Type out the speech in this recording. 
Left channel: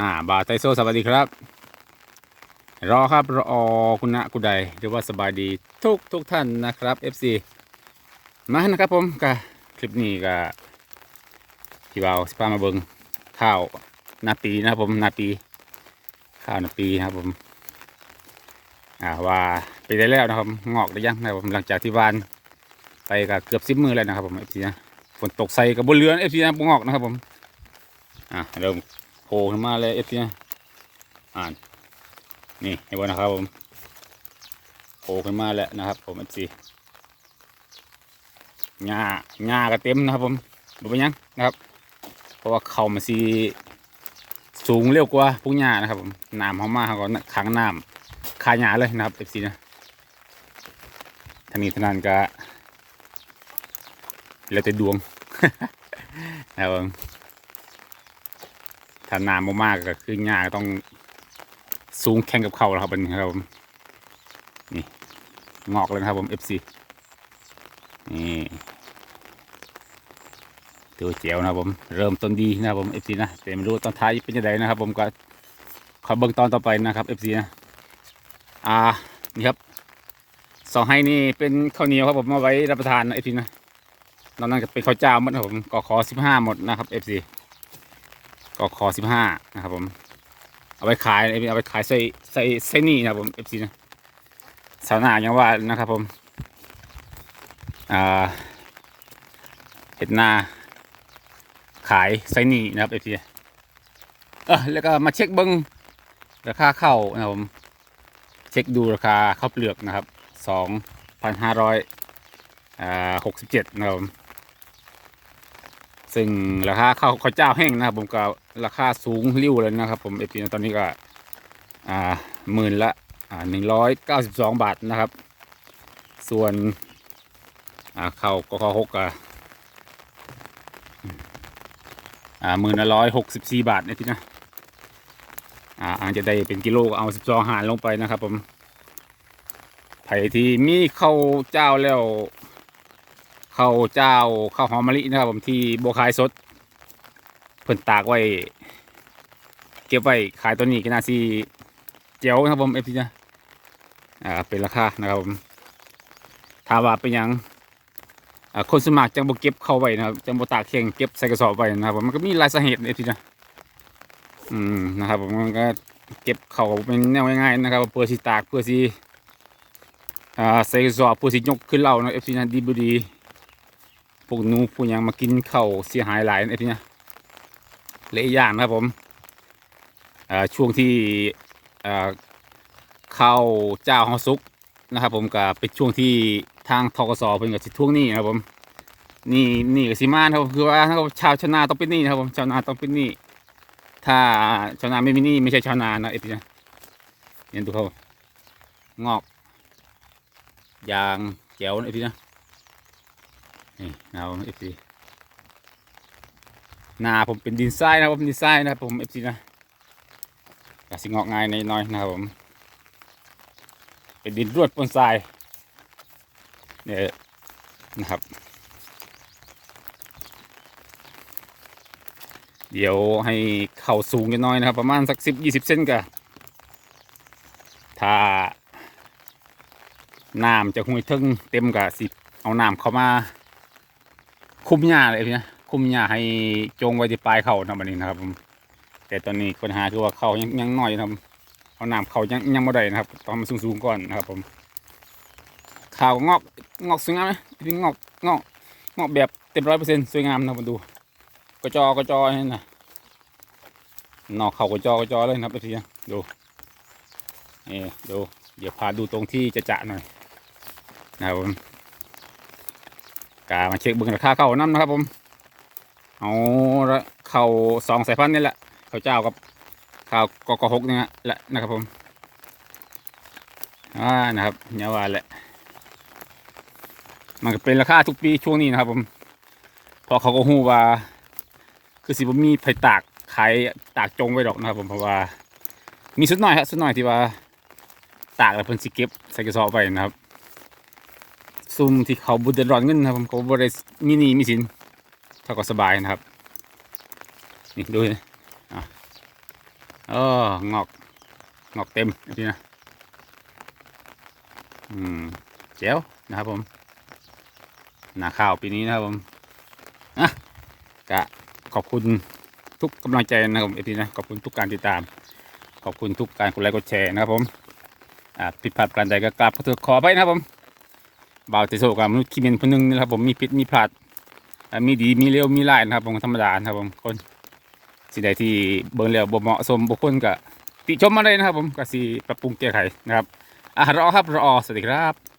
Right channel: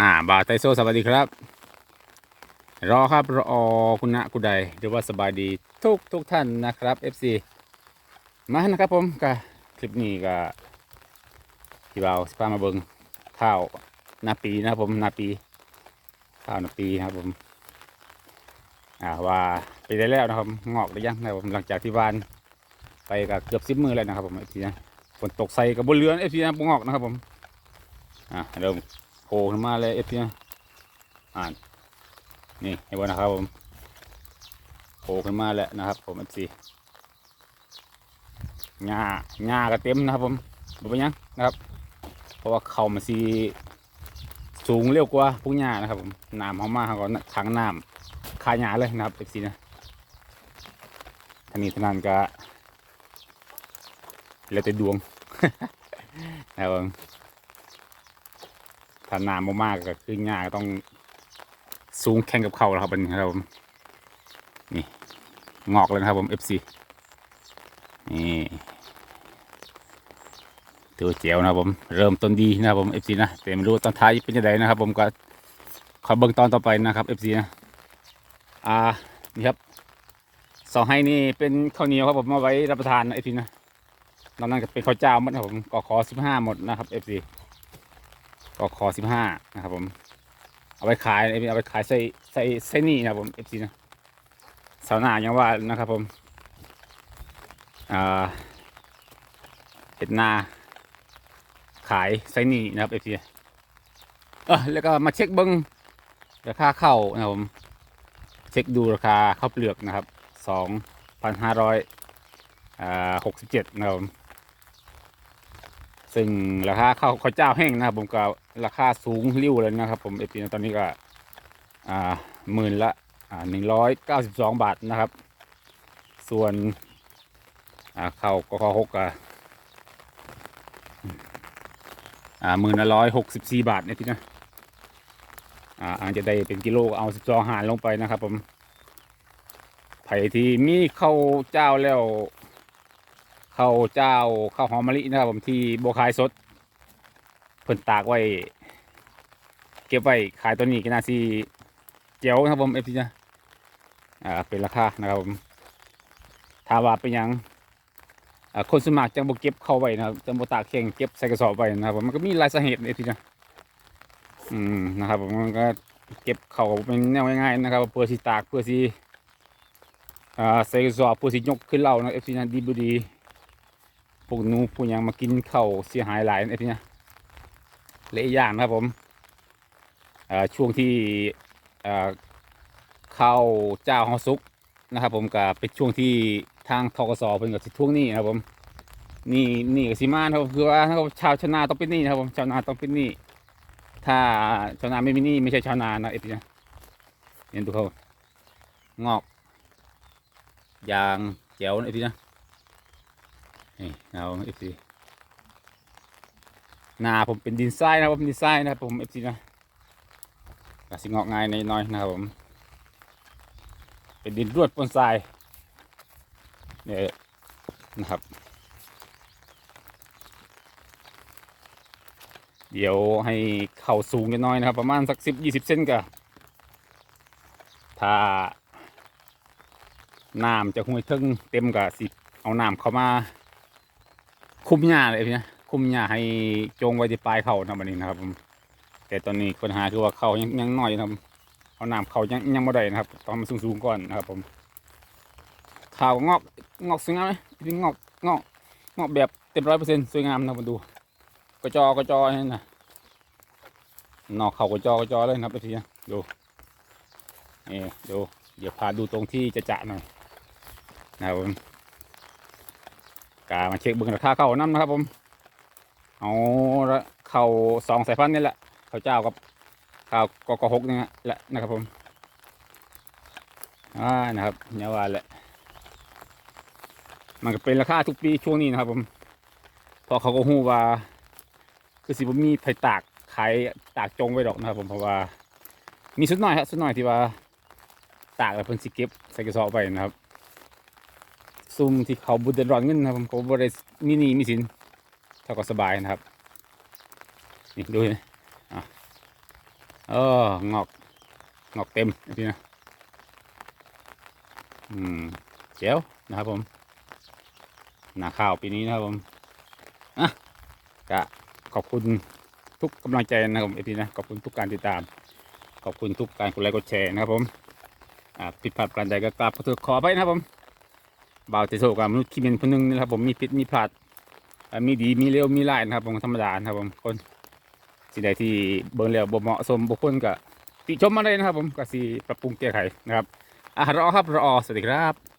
อ่าบาไทโซสวัสดีครับ รอครับรอคุณนะคุณใดหรือว่าสบายดีทุกทุกท่านนะครับ FC มานะครับผมก็คลิปนี้ก็พี่บ่าสพามาเบิงข้าวนาปีนะครับผมนาปี ข้าวนาปีครับผมอ่าว่าไปได้แล้วนะครับงอกได้ยังนะครับผมหลังจากที่วานไปก็เกือบสิบมือแล้วนะครับผม FC นะฝนตกใส่กับบนเรือน FC นะงอกนะครับผมอ่าเริ่ม ผล่ขึ้นมาเลยเอฟซีอ่านนี่เห็นบ่นะครับผมโผล่ขึ้นมาแล้วนะครับ ผมเอฟซีหญ้าหญ้าก็เต็มนะครับ ผมดูไปยังนะครับ เพราะว่าเขามันสีสูงเร็วกว่าพวกหญ้านะครับ ผมน้ำเขามาเขาก็ขังน้ำคาหญ้าเลยนะครับเอฟซีนะทางนี้ทางนั้นก็แล้วแต่ดวงนะครับผม ถ้าน้ำมากๆก็คือหญ้ากต้องสูงแข่งกับเขาแล้วครับเป็นครับผมนี่งอกเลยครับผม FC นี่ตัวเจียวนะครับผมเริ่มต้นดีนะครับผม FC นะแต่ไม่รู้ตอนท้ายเป็นยังไงนะครับ ผมก็ขอเบิ่งตอนต่อไปนะครับ FC นะอ่านี่ครับสองให้นี่เป็นข้าวเหนียวครับผมมาไว้รับประทานนะ FC นะนอกนั้นก็เป็นข้าวเจ้าหมดนะครับผมก็ขอสิบห้าหมดนะครับ FC ก็คอสิบห้านะครับผมเอาไปขายเอาไปขายใส่ใส่ใส่นี่นะครับผมเอฟซีนะสาวนาอยังว่านะครับผมเห็ดนา ขายไซนี่นะครับเอฟซีเออแล้วก็มาเช็คเบิ้งราคาข้าวนะครับผมเช็คดูราคาข้าวเปลือกนะครับสองพันห้าร้อยหกสิบเจ็ดนะครับผม ซึ่งราคาข้าวข้าวเจ้าแห้งนะครับผมก็ราคาสูงริ้วเลยนะครับ ผมเอฟตอนนี้ก็อ่าหมื่นละอ่าหนึ่งร้อยเก้าสิบสองบาทนะครับ ส่วนอ่าข้าวก็ข้าวหกอะอ่าหมื่นละร้อยหกสิบสี่บาทนี่พี่นะอ่าอาจจะได้เป็นกิโลเอาสิบสองหารลงไปนะครับ ผมไผ่ที่มีข้าวเจ้าแล้ว ข้าวเจ้าข้าวหอมมะลินะครับผมที่โบวขายสดเพิ่นตากไว้ เก็บไว้ขายตัวนี้ก็น่าซีเจียวนะครับผมเอฟซีนะอ่าเป็นราคานะครับผมถามว่าเป็นยังคนสมัครจังบ่เก็บเข้าไว้นะครับจังบ่ตากแข็งเก็บใส่กระสอบไว้นะครับผมมันก็มีหลายสาเหตุเอฟซีนะอืมนะครับผมมันก็เก็บเข้าเป็นแนวง่ายๆนะครับเพื่อสิตากเพื่อสิอ่าใส่กระสอบเพื่อสิยกขึ้นเล่านะเอฟซีนะดีบ่ดี พวกนูพวกยังมากินเข้าเสียหายหลายไอ้ที่เนี่ยและอย่างนะครับผมช่วงที่เข้าเจ้าเฮาสุกนะครับผมก็เป็นช่วงที่ทางทกสเพิ่นกับสิทวงนี้นะครับผมนี่นี่กับสิมานะครับคือว่าถ้าชาวชาวนาต้องเป็นนี้นะครับผมชาวนาต้องเป็นนี้ถ้าชาวนาไม่มีนี้ไม่ใช่ชาวนานะไอ้ที่เนี่ยเห็นดูเขางอกยางแจ๋วนะไอ้ที่เนี่ย นี่เอาเอฟซีนาผมเป็นดินทรายนะครับผมดินทรายนะครับผมเอฟซีนะกสิงอกง่ายในน้อยนะครับผม เป็นดินรวดปนทรายเนี่ยนะครับ เดี๋ยวให้เข่าสูงกันหน่อยนะครับ ประมาณสักสิบยี่สิบเซนกันถ้าน้ำจะห้วยทึ่งเต็มกับสิเอาน้ำเข้ามา คุมหญ้าเลยนะคุมหญ้าให้จงไว้ที่ปลายเขานะบัดนี้นะครับผมแต่ตอนนี้ปัญหาคือว่าเขายังยังน้อยนะครับเอาน้ำเขายังยังไม่ได้นะครับต้องมันสูงๆก่อนนะครับ ผมข่าวงอกงอกสวยงามไหมพี่งอกงอกงอกแบบเต็มร้อยเปอร์เซ็นต์สวยงามนะมาดูกระจอกระจอนี่นะนอกเขากระจอกระจอเลยนะครับพี่นะดูนี่ดูเดี๋ยวพาดูตรงที่จะจะหน่อยนะครับผม กามาเช็คบิ่งราคาเข้าน้ำนะครับผมเอาละข้าสองสายพันธุ์นี่แหละเข้าเจ้ากับข้าวกกหกนี่ฮะแหละนะครับผมอ่านะครับเนี่ยว่าแหละ มันก็เป็นราคาทุกปีช่วงนี้นะครับผมเพอเขาก็หูว่า คือสิบมีไผตากขายตากจงไว้ดอกนะครับผมเพราะว่า มีสุดหน่อยครับสุดหน่อยที่ว่า ตากแล้วเพิ่นสิเก็บใส่กระสอบไว้นะครับ ซุ่มที่เขาบุญเดือดร้อนเงินนะครับผมเขาบริมีนีมีสินเขาก็สบายนะครับนี่ดูเลยอะเอองอกงอกเต็มพี่นะอืมเจ๋วนะครับผมหนาข้าวปีนี้นะครับผมอะก็ขอบคุณทุกกำลังใจนะครับผมพี่นะขอบคุณทุกการติดตาม ขอบคุณทุกการกดไลค์กดแชร์นะครับผมอ่าผิดพลาดประการใดก็กราบขอโทษขอไปนะครับผม บ่าวเตโซกับมนุษย์ขี้เมนคนหนึงนะครับผมมีพิษมีพลาดมีดีมีเลวมีร้ายนะครับผมธรรมดานะครับผมคนสิ่งใดที่เบิ่งแล้วบ่เหมาะสมบุคคลก็ติชมมาเลยนะครับผมก็สิปรับปรุงแก้ไขนะครับอะรอครับรอสวัสดีครับ